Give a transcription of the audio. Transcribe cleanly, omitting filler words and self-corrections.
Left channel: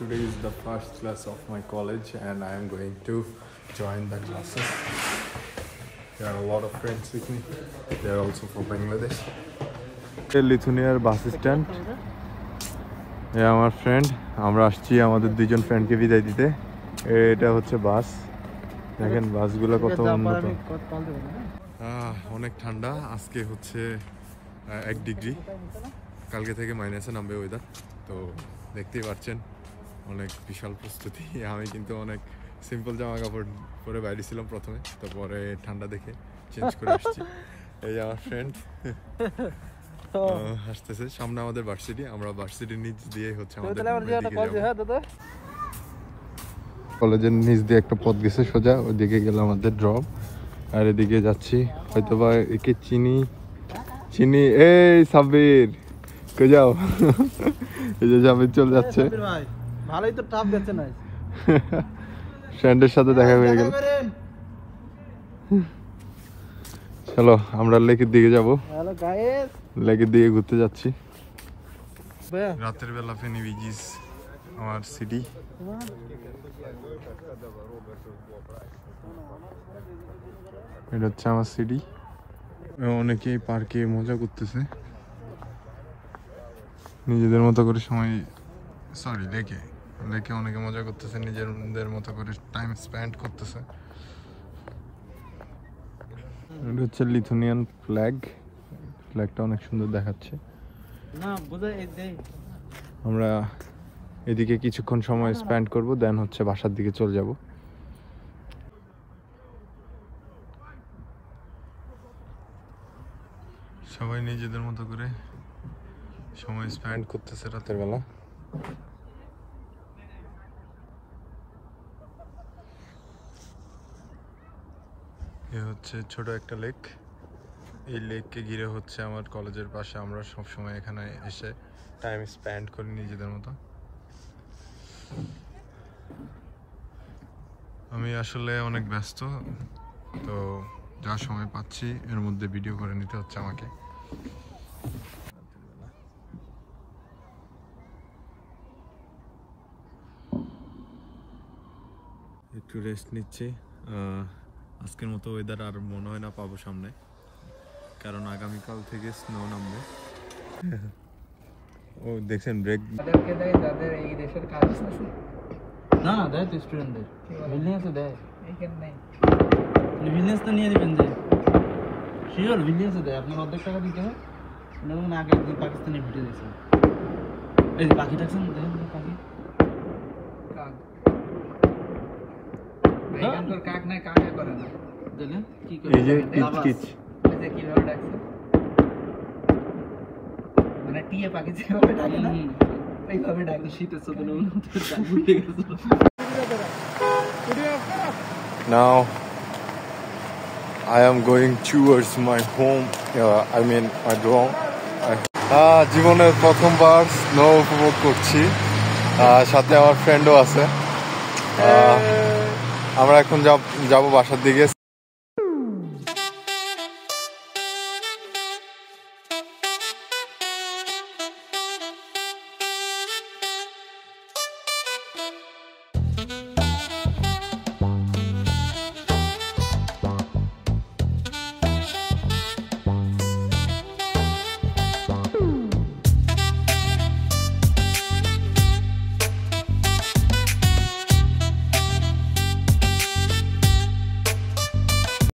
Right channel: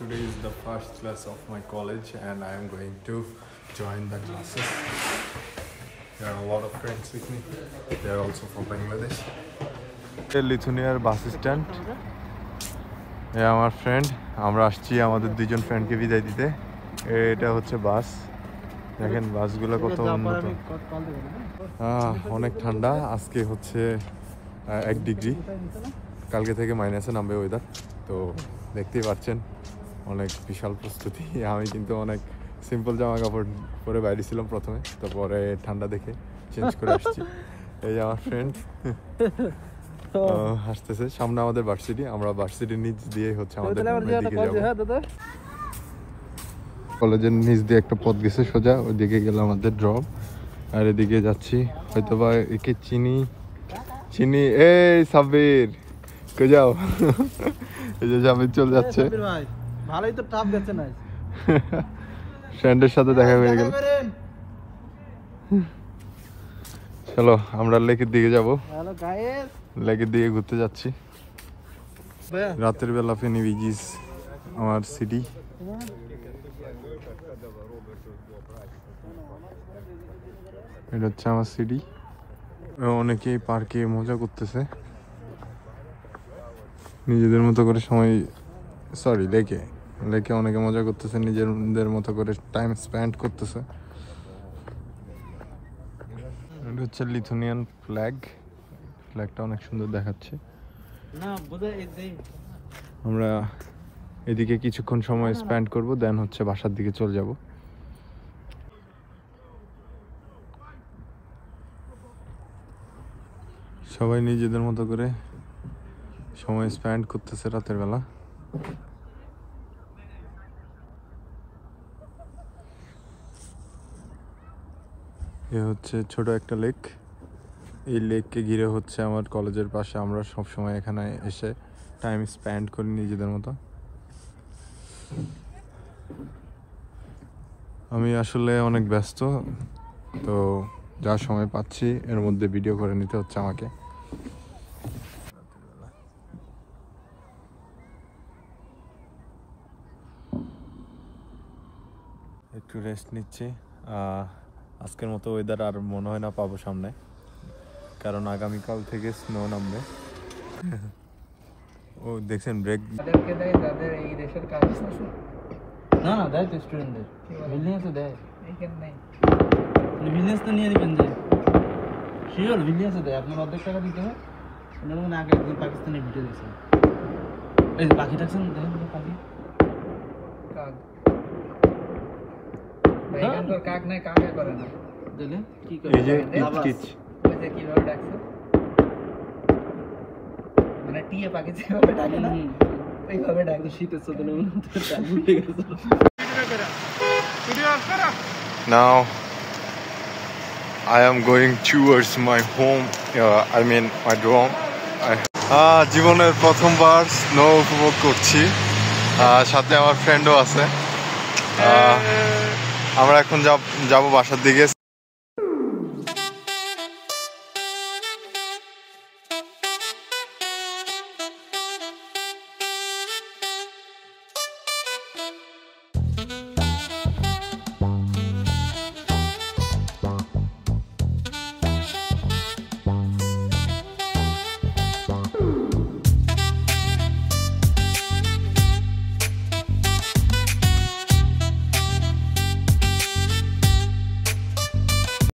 Today is the first class of my college and I am going to join the classes. There are a lot of friends with me. They are also from Bangladesh. Lithuania bus stand. Yeah, my friend. আমরা আসছি আমাদের দুইজন ফ্রেন্ডকে বিদায় দিতে। এটা হচ্ছে বাস। দেখেন বাসগুলো কত উন্নত। অনেক ঠান্ডা। আজকে হচ্ছে 1 ডিগ্রি। কালকে থেকে মাইনাসে নামবে ওয়েদার। তো দেখতেই পাচ্ছেন অনেক বিশাল প্রস্তুতি। আমি কিন্তু অনেক সিম্পল জামা কাপড় পরে বাইরে ছিলাম প্রথমে, তারপরে ঠান্ডা দেখে চেঞ্জ করে আসছি। এই যে আমার ফ্রেন্ড আসতেছে। সামনে আমাদের ভার্সিটি, আমরা ভার্সিটির নিচ দিয়ে হচ্ছে আমাদের দিকে যাব। কলেজের নিচ দিয়ে একটা পথ গেছে সোজা, ওইদিকে গেল আমাদের ড্রপ। আর এদিকে যাচ্ছি হয়তো বা একে চিনি। এই সাব্বির কে যাও, এই যে সাব্বির চলে যাচ্ছে। ভালোই তো টাপ গেছে না, ফ্রেন্ডের সাথে দেখা হয়ে গেল। চলো আমরা লেকের দিকে যাবো। লেকের দিকে ঘুরতে যাচ্ছি। রাতের বেলা ফেনী বিচ আমার সিটি। এটা হচ্ছে আমার সিটি। অনেকেই পার্কে মজা করতেছে নিজেদের মতো করে সময়। সরি, লেকে অনেকে মজা করতেছে, নিজেদের মতো করে টাইম স্পেন্ড করতেছে। এটা হচ্ছে লিথুনিয়ান ফ্ল্যাগটা অনেক সুন্দর দেখাচ্ছে। আমরা এদিকে কিছুক্ষণ সময় স্পেন্ড করবো, দেন হচ্ছে বাসার দিকে চলে যাব। সবাই নিজেদের মতো করে সময় স্পেন্ড করতেছে রাতের বেলা। এ হচ্ছে ছোট একটা লেক। এই লেককে ঘিরে হচ্ছে আমার কলেজের পাশে। আমরা সব সময় এখানে এসে টাইম স্পেন্ড করি নিজেদের মতো। আমি আসলে অনেক ব্যস্ত, তো যা সময় পাচ্ছি এর মধ্যে ভিডিও করে নিতে হচ্ছে আমাকে। একটু রেস্ট নিচ্ছি। আজকের মতো ওয়েদার আর মনে হয় না পাবো সামনে, কারণ আগামীকাল থেকে স্নো নামবে। ও দেখছেন ব্রেক। না না দেয় তো স্টুডেন্টদের বিজনেস দেয়, বিজনেস তো নিয়ে নেবেন যে শিওর বিজনেস দেয়। আপনার অর্ধেক টাকা দিতে হয়। ধরুন আগে একদিন পাকিস্তানি ঢুকে গেছে, এই পাখি দেখছেন কাক নাই, কাকে করে না এই যে টিচ কিভাবে ডাকছে, মানে টিয়ে পাখি যেভাবে ডাকে না এইভাবে ডাকলে শীতের সদনে উঠে গেছে। Now I am going towards my home, I mean my dorm. জীবনের প্রথমবার স্নো উপভোগ করছি, সাথে আমার ফ্রেন্ডও আছে। আমরা এখন যাব বাসার দিকে।